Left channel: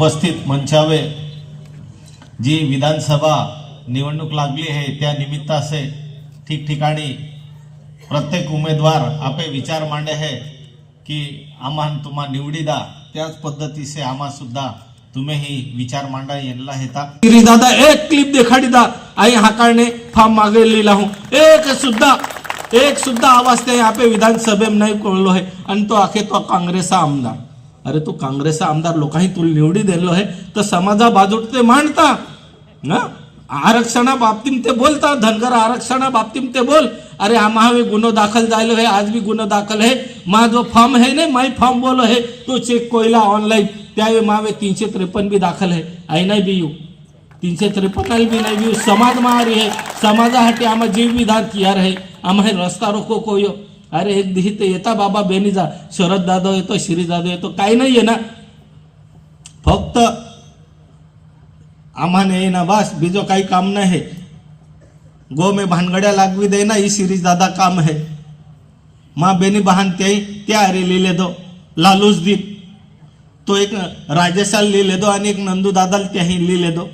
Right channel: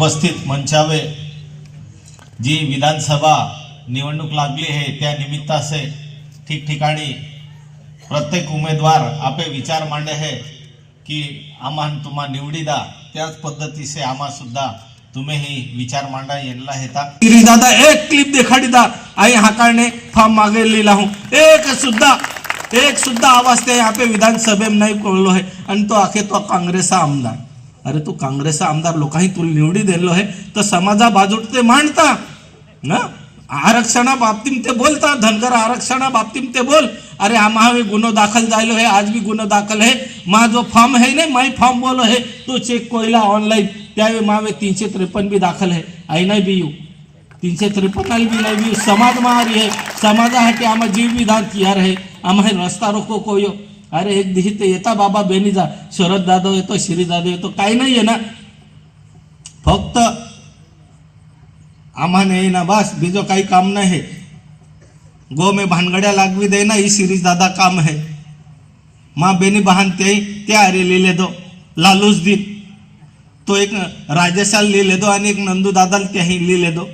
उपस्थित मंचावे जी विधानसभा निवडणूक लागली आहे त्या निमित्तासे ठिकठिकाणी प्रत्येक उमेदवार आपे विचार मांडे है की आम्हा तुम्हा निवडीदा त्याच पद्धतीचे आम्हा सुद्धा तुम्ही विचार मांडा यांना हेता दादा एक क्लिप देखाडी दा. आई हाकाळने फार्म मागे लिहिला हूं. एक सुद्धा एक सुद्धा आवाज ते यहाँ पे में नाही कोळलो है आणि तो आखे तो काँग्रेसचा आमदार. अरे तो काँग्रेसचा आमदार लोकांनी तुला निवडी दिलो आहे तर समाजा बाजूट ते मांडता ना? आरक्षणा बाबतीत ते बोलता धनगर आरक्षणा बाबतीत ते बोल. अरे आम्हा भी गुन्हो दाखल झालो है आज भी गुन्हो दाखल है मा जो फॉर्म है ना माई फॉर्म बोलो है तो चेक कोयला ऑनलाईन त्यावेळी मावे तीनशे त्रेपन्न भी दाखल है आई नाही बी येऊ तीनशे त्रेपन्न बी नाही बी समाज महारी है समाजासाठी आम्हा जीव विधान किया आहे. आम्हा रस्ता रोको कोयो. अरे एक दिही ते येता बाबा बेनी जा. शरद जाधव येतो श्री जाधव येतो काही नाही आहे ना फक्त आम्हाने ना बास बीजो काही काम नाही. है गो में भानगड्या लागवी दे ना ही सिरीज दादा काम है. माँ बेनी बहन ते त्या अरे लिहिले दो. लालूस दीप. तो एक राजेशाल लिहिले दो आणि एक नंदू दादाल त्याही लिहिले दो.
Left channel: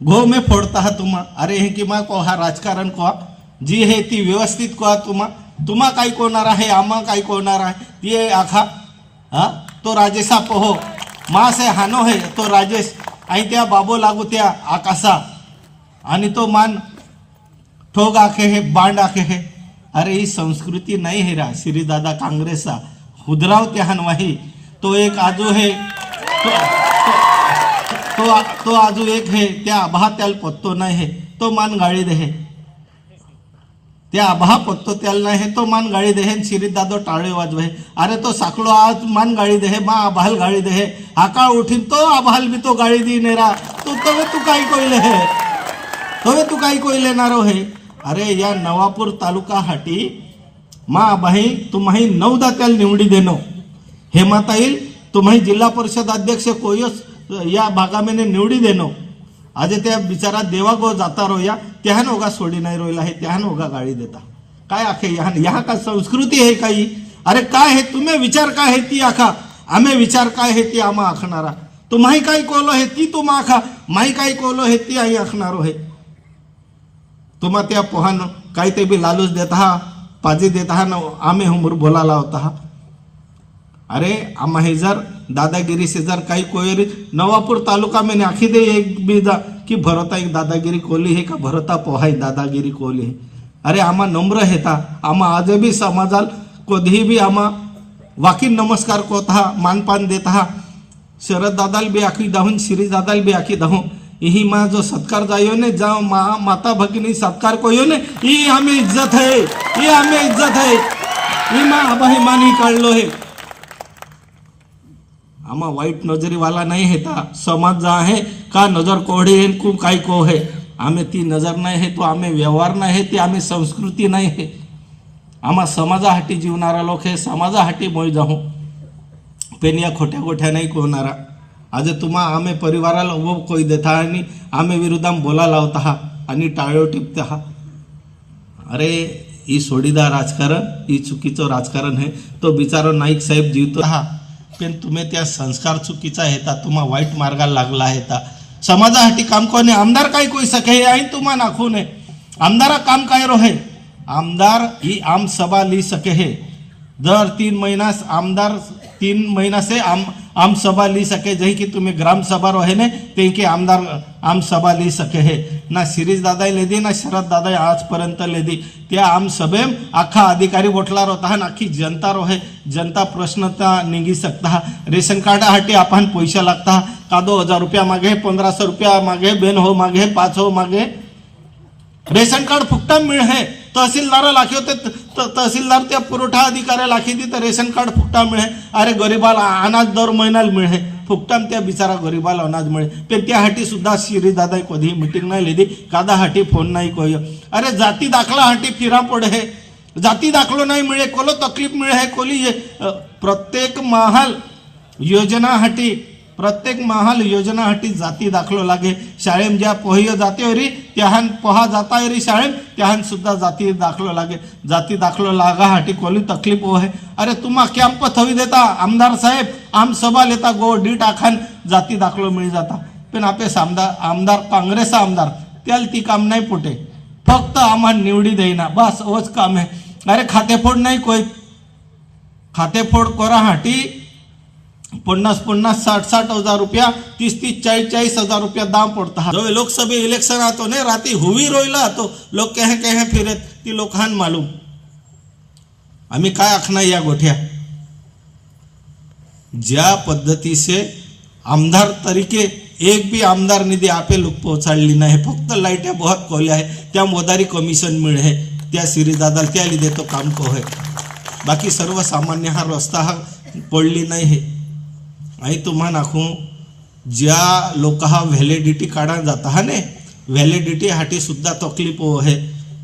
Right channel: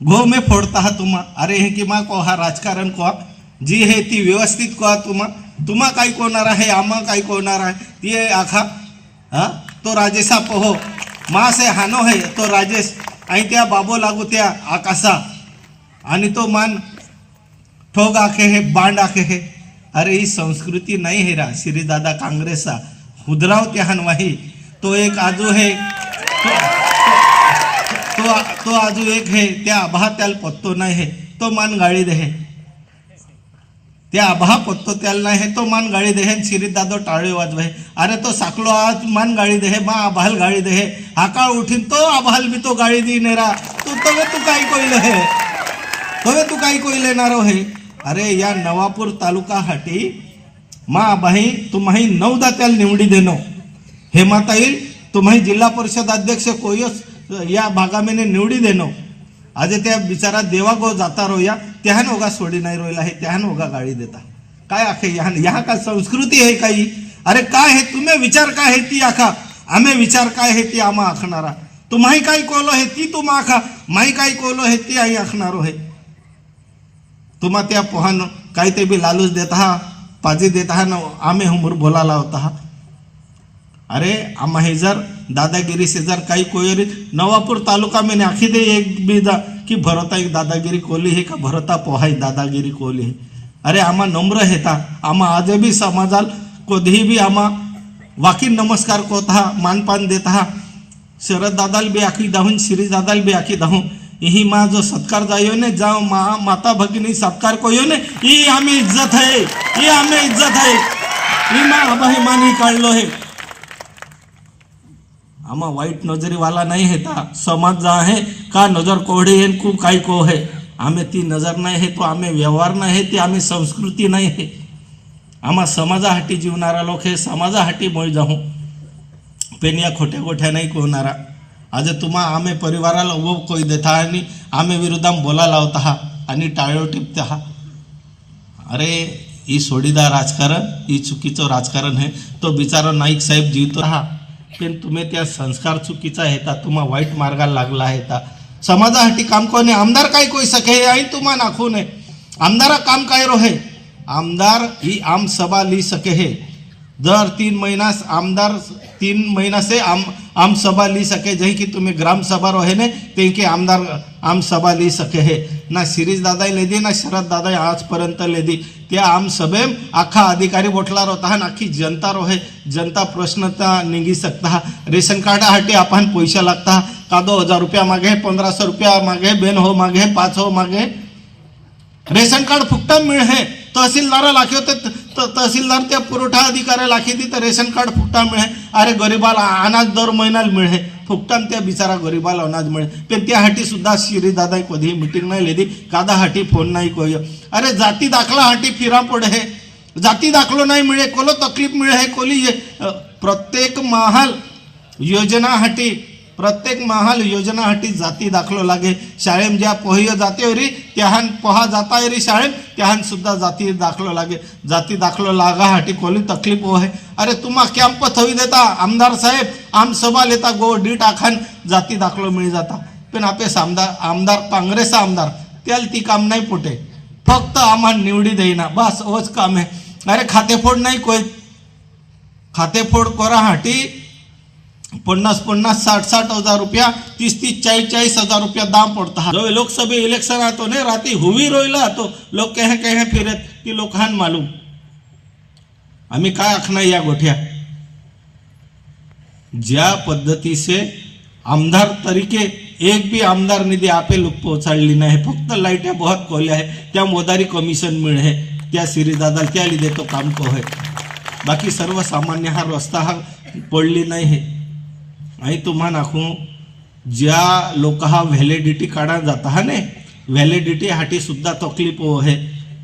घो में फोडता हा तुम्हा अरे हे की मा को हा राजकारण को जी है ती व्यवस्थित को तुम्हा तुम्हा काही कोणार आहे? आम्हा काही कोणार आहे? ती आखा. हा? तो राजेशा पोहो. मासे हानो है तो राजेश. आणि त्या बाबो लागू त्या आकाशा आणि तो मान ठोग आखे हे बांड आखे हे. अरे ही संस्कृती नाही हे रा. श्रीदादा काँग्रेसचा. हुदराव त्या हनवाही. तो एक आजू है. तो तो आजू एक हे. त्या आभा त्याला पत्तो नाही हे. तो मान गाळी दे ते आभा पत्तो त्याला हे तो मान गाळी दे है दादो टाळे वाजवे. अरे तो साकलो आज मान गाळी दे मा आभाल गाळी दे है हाका उठीन तो आभाल मी तो गाळी दी नेरा तू तवे तू काय कोयले हे? तवे तू काय कोयले नारो हे? अरे या नवापूर तालुका हाटी मा बाई तुम्ही नऊदा त्याला निवडी देनो. हेमाता येईल तुम्ही जिल्हा परिषद अध्यक्ष कोयस या भागामेने निवडी देनो. आज त्या बिचारा देवा गो जाता रोया त्याहन ओगा सोडी नाही रोयला हे त्याहन ओगा गाळी देता. काय आखे यहाँ यहा का संस्कृती आहे काही? अरे काय हे तुम्ही विचार काय आहे ती आखा? आम्ही विचार काय आहे ती आम्हा आखणारा? तुम्ही काय कोलो हे ती तुम्हा आखा? माही काय कोलो हे ती आई आखणारो हे. तुम्हा त्या पोहान काही ते बी लालूच देत हा पाजी देत हा न आम्ही हुमूर बोलायला होता हा. अरे आम्हा हे जर दादागिरी सेजार काही कोयरी नवापूर तालुका में आखी दे एक बीजा की भरता एक दादागिरी कोली हे का भरता पोहाई दादागिरी कोली अरे आम्हा नम्र हेता आम्हा आज बी समाजाल कधीही बी आम्हा वाकी नमस्कार कोता मानपान देता शरद दादाल बी आखी दाहून श्री दादाल बी आखी दाहून। यही माँ जो सत्कार जायो ने जाओ माँ माता भगिनी सत्कार को यो ने ये हमें इज्जत है ये हमें इज्जत है। ये माँ अभिमानी कर लो है। आम्हा वाईट नजरीवाला नाही हेता समाज जा आहे का नजर कोढे येन खूप काय को है? आम्ही ती नजर नाही हे तो आम्ही व्यवहार नाही हे ती आम्ही संस्कृती नाही हे. आम्हा समाजासाठी जीवणारा लोक हे समाजासाठी मोय जाऊ. पेनिया खोट्या गोठ्या नाही कोणारा. आज तुम्हा आम्ही परिवाराला उभो कोई देता आणि आम्ही विरुद्धाम बोला लावता हा आणि टाळ्यो टिपता हा. अरे ही सोडीदा राजकारण ही चुकीचं राजकारण हे तो बिचारा नाईक साहेब जीवतो हा. पण तुम्ही त्या संस्कार चुकीचा हेता तुम्हा वाईट मार्गाला लागला हेता समाजासाठी काम कोणी आमदार काय कोई सके हे आई तुम्हा नाखू नये. आमदारा काम काय रोहे आमदार ही आम सभा ली सके है. दर तीन महिना आमदार तीन महिना से आम आम सभा ली सके जही की तुम्ही ग्राम सभा रहे ने ते के आमदार आम सभा ली सके है ना शिरीष दादाई ले दी ना शरद दादा आजपर्यंत ले दी त्या आम सभे आखा अधिकारी बोटला होता ना आखी जनता रोहे जनता प्रश्नता निघी सकता रेशन कार्डासाठी आपण पैसा लागता का दो हजार रुपया मागे सौ रुपया मागे बेन हो मांगे पाच हो मांगे रेशन कार्ड फुकटात तहसीलदाराला हे तहसीलदार होते. त- तहसीलदार त्या पुरवठा अधिकाऱ्याला लाखे तर रेशन कार्ड फुकटा मिळे. अरे गरीबाला अनाज दर महिन्याला मिळे. फुकटाम त्या बिचारा गरीबाला अनाज मिळे. पण त्यासाठी सुद्धा शिरी दादा कधी मिटिंग नाही लिहिली कादा हाटी फोन नाही कोय. अरे जाती दाखला हाटी फिरा पडे हे. जाती दाखलो नाही मिळे कोलो तकलीफ मिळे कोली ये- प्रत्येक महाल योजना हाटी प्रत्येक महाल योजना हाटी जाती दाखलो लागे. शाळेम ज्या पोहियो जाते री त्याहान पोहा जाता री शाळेम त्याहान सुद्धा जाती दाखलो लागे. जाती दाखलो लागा हाटी कोली तकलीफ हो है अरे तुम्हा कॅम्प थवी देता आमदार साहेब आम सभा लेता गो डीट आखान जाती दाखलो मिळी जाता. पण आपले आमदार आमदार काँग्रेस आमदार त्याला ती काम नाही पुटे. फक्त आम्हा निवडी देईना. बस ओच काम आहे. अरे खातेफोड नाही कोय. खातेफोड कोरा हाटी पन्नास पन्नास साठ साठ हजार रुपया तीस तीस चाळीस चाळीस हजार रुपया दाम पडता. जो लोकसभा इलेक्शन आतो ने राती हुवी रोयला आतो लोक कहे कहे फिरत ती लोकांना मालूम. आम्ही काय आखणार या गोठ्या ज्या पद्धतीचे आमदार तरीके एक बी आमदार निधी आपे लोक पोहोचाडली नाही. फक्त लाईट्या बहुत कोल्या आहे त्या मोदारी कमिशन मिळे त्या सिरीदादा त्या लिधे तो काम को है बाकी सर्वसामान्य हा रस्ता हा पडली नाही हे आणि तुम्हा नाखू ज्या लोक हा व्हॅलिडिटी काढा जाता हा ने व्हॅलिडिटी हाटी सुद्धा तकलीफ हो है.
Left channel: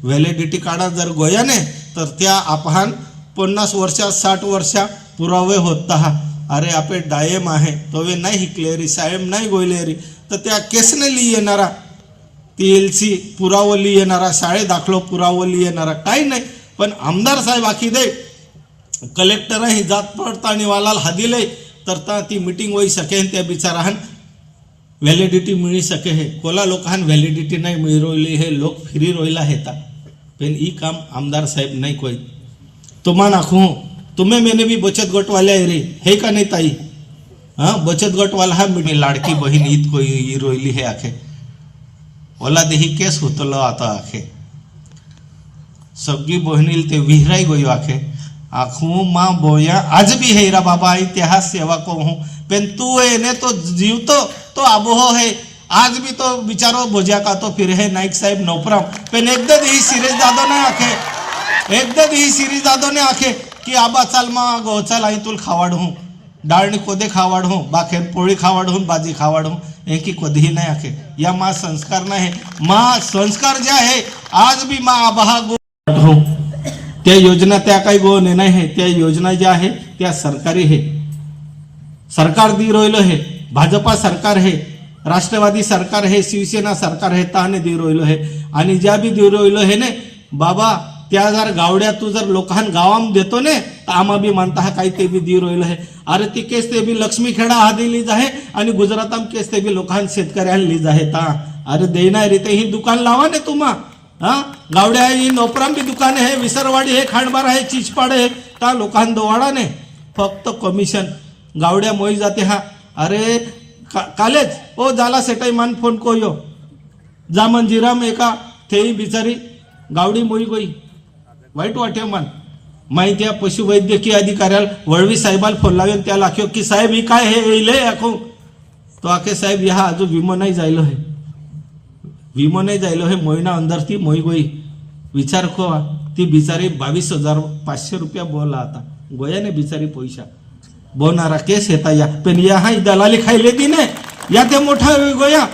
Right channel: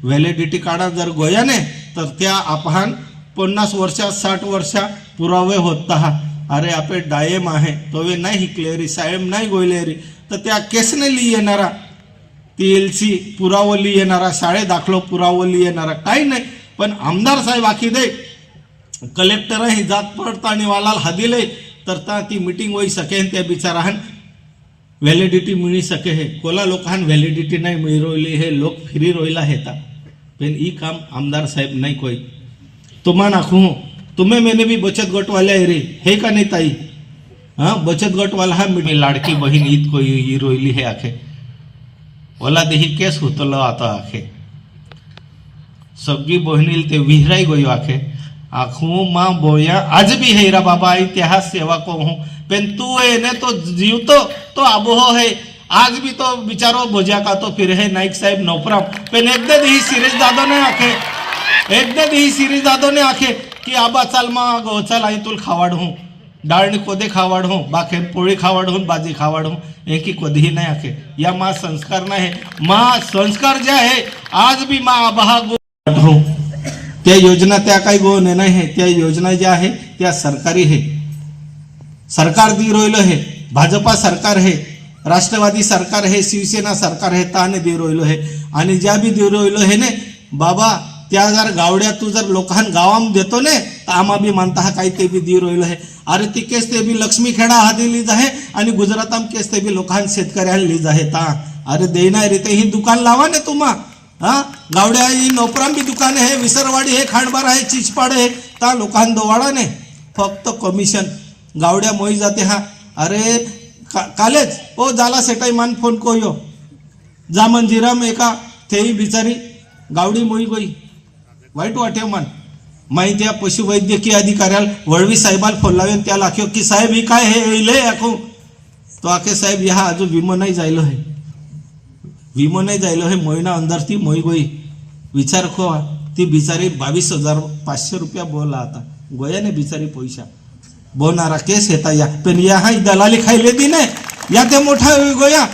व्हॅलिडिटी काढा जर गोयाने तर त्या आपण पन्नास वर्षा साठ वर्षा पुरावे होत हा. अरे आपे डायम आहे तो वे नाही हिकलेरी सायम नाही गोयलेरी तर त्या केसने ली येणारा ती एल सी पुरावली येणारा शाळे दाखलो पुरावली येणारा काही नाही. पण आमदार साहेब आखी दे कलेक्टर ही जात पडताळणीवाला वालाल हादिले तर ता ती मीटिंग होई सके आणि त्या बिचाराहन. व्हॅलिडिटी मिळी सके है. कोला लोकांना व्हॅलिडिटी नाही मिळी रोयली हे. लोक फ्री रोयला हेता. पेन ई काम आमदार साहेब नाही कोई. तुम्हा नाखू. तुम्ही मेने भी बचत गट वाले आहे रे. हे का नाही ताई? हा बचत गट वाला हा मिळी लाडकी बहीण ईद कोई ई रोयली हे आखे. ओला देही केस होतलो आता आखे. सगळी बहिणील ते विहराई गयो आखे. आखू मा बोया आज भी है रा बाबा इतिहास सेवा को हूँ। पेन तू एने तो जीवतो तो आबोह है। आज भी तो बिचारो बोझा का तो फिर है नाईक साहेब नोपराम। पेन एकदा ही सिरीज दादो ने आखे। एकदा ही सिरीज दादो ने आखे की आबा चाल मा गो चल आई तुल खावाड हूँ। डाळणी कोदे खावाड हूँ बाखेर पोळी खावाड हूँ बाजी खावाड हूँ। हे की कधीही नाही आखे। या मा संस्कार नाही मा संस्कार जे आहे आज भी मा आबा गो हूँ त्या योजना त्या काही गोने नाही आहे. त्या योजना ज्या आहे त्या सरकारी आहे. सरकार दि रोयलो आहे. भाजपा सरकार आहे. राष्ट्रवादी सरकार आहे. शिवसेना सरकार आहे. ताने दि रोहिलो आहे. आणि ज्या बी दि रोहिलो आहे ने बाबा त्या जर गावड्या तू जर लोकांना गावाम देतो ने तर आम्हा बी मानता हा काही ते बी दि रोयलो आहे. अरे ती केस ते बी लक्ष्मी खेडा हा दिलीज आहे आणि गुजराताम केस ते बी लोकांना शेतकऱ्यांना लिज आहे ता. अरे देणार रे ते ही दुकान लावा ने तुम्हा. हा? गावड्या ही नोपरांबी दुकान आहे विसरवाडी हे खांडबार आहे चिचपाड आहे त्या लोकांना दोवाडा फक्त कमिशन गावड्या मोई जाते हा. अरे का, कालेच ओ झाला सेटाई मान फोन को यो जा मंजिराम एका तेही बिचारी. गावडी मोई गोई. वाईट वाटे मन. माहिती आहे पशुवैद्यकीय अधिकाऱ्याला वळवी साहेबाला फोन लावेन त्या लाख्यो की साहेब ही काय हे येईल आखो तो आखे साहेब ह्या अजून विमो नाही जायलो हे विमो जायलो हे मोहिना अंदर ती मोई गोई विचार को ती बिचारी बावीस हजार पाचशे रुपया बोला आता. गोयाने बिचारी पैसा. बोनारा केस येता या. पण या हा दलाली खायले ती ने या ते मोठा होई गोया.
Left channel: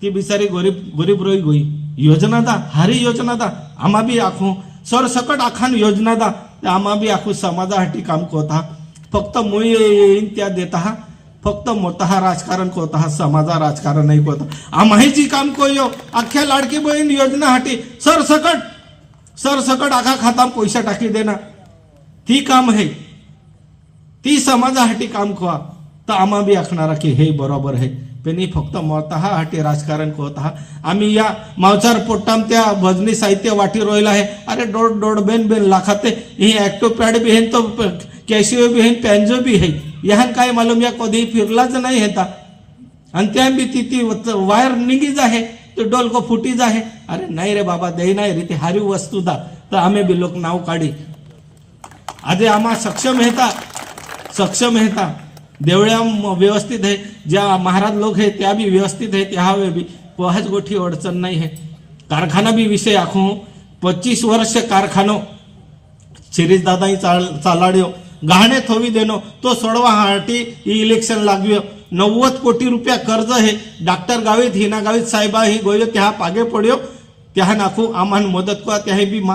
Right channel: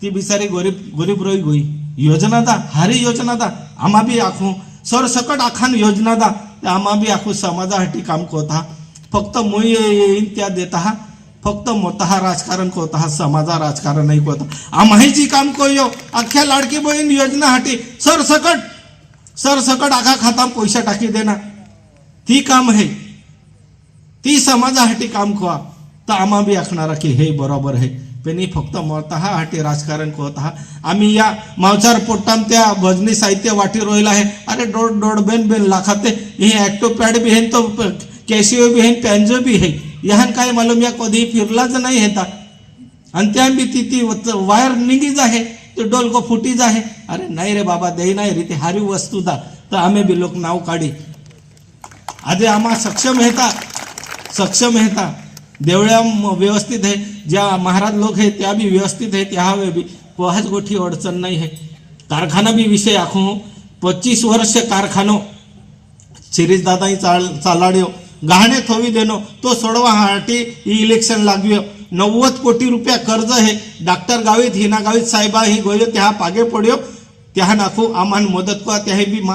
ती बिचारी गरीब गरीब रोई गोई योजना दा हारी योजना दा. आम्हा बी आखू. सरसकट आखान योजना दा. आम्हा बी आखू समाजासाठी काम कोता फक्त मुई येईन त्या देता हा. फक्त मोठा हा राजकारण कोता हा समाजा राजकारण नाही कोता आम्ही जी काम कोयो अख्ख्या लाडकी बहीण योजना हाटी सरसकट सरसकट आखा खाता पैसा टाकी देना. ती काम आहे. ती समाजासाठी काम खोवा तर आम्हा बी आखणारा की हे बरोबर आहे. पण फक्त मता हाटी राजकारण कोत हा आम्ही या मावचार पोट्टाम त्या भजनी साहित्य वाटी रोयला आहे. अरे डोड डोड बेन बेन लाखाते. हे ऍक्टो पॅड बी हेन तो कॅशिओ बी हेन पॅन्जो बी हे यहान काय मालूम या कधी फिरलाच नाही हेता आणि त्या बी ती ती वायर निघीच आहे ते डोलको फुटीच आहे. अरे नाही रे बाबा दे नाही रे ते हारी वस्तू दा. तर आम्ही बी लोक नाव काढी. आधी आम्हा सक्षम हेता सक्षम हेता देवळ्या व्यवस्थित आहे. ज्या महाराज लोक आहे त्या बी व्यवस्थित आहे त्या हवे बी कोहाच गोठी अडचण नाही आहे कारखाना बी विषय आखू. पच्चीस वर्ष कारखानो. शिरीष दादाही चाल चालाड्यो. गहाणे थोवी देनो तो सोडवा हाटी इलेक्शन लागव्यो नव्वद कोटी रुपया कर्ज हे डॉक्टर गावीत हिना गावीत साहेबा ही गोयो त्या पागे पड्यो त्या नाखू आम्हाला मदत करा त्या बी मा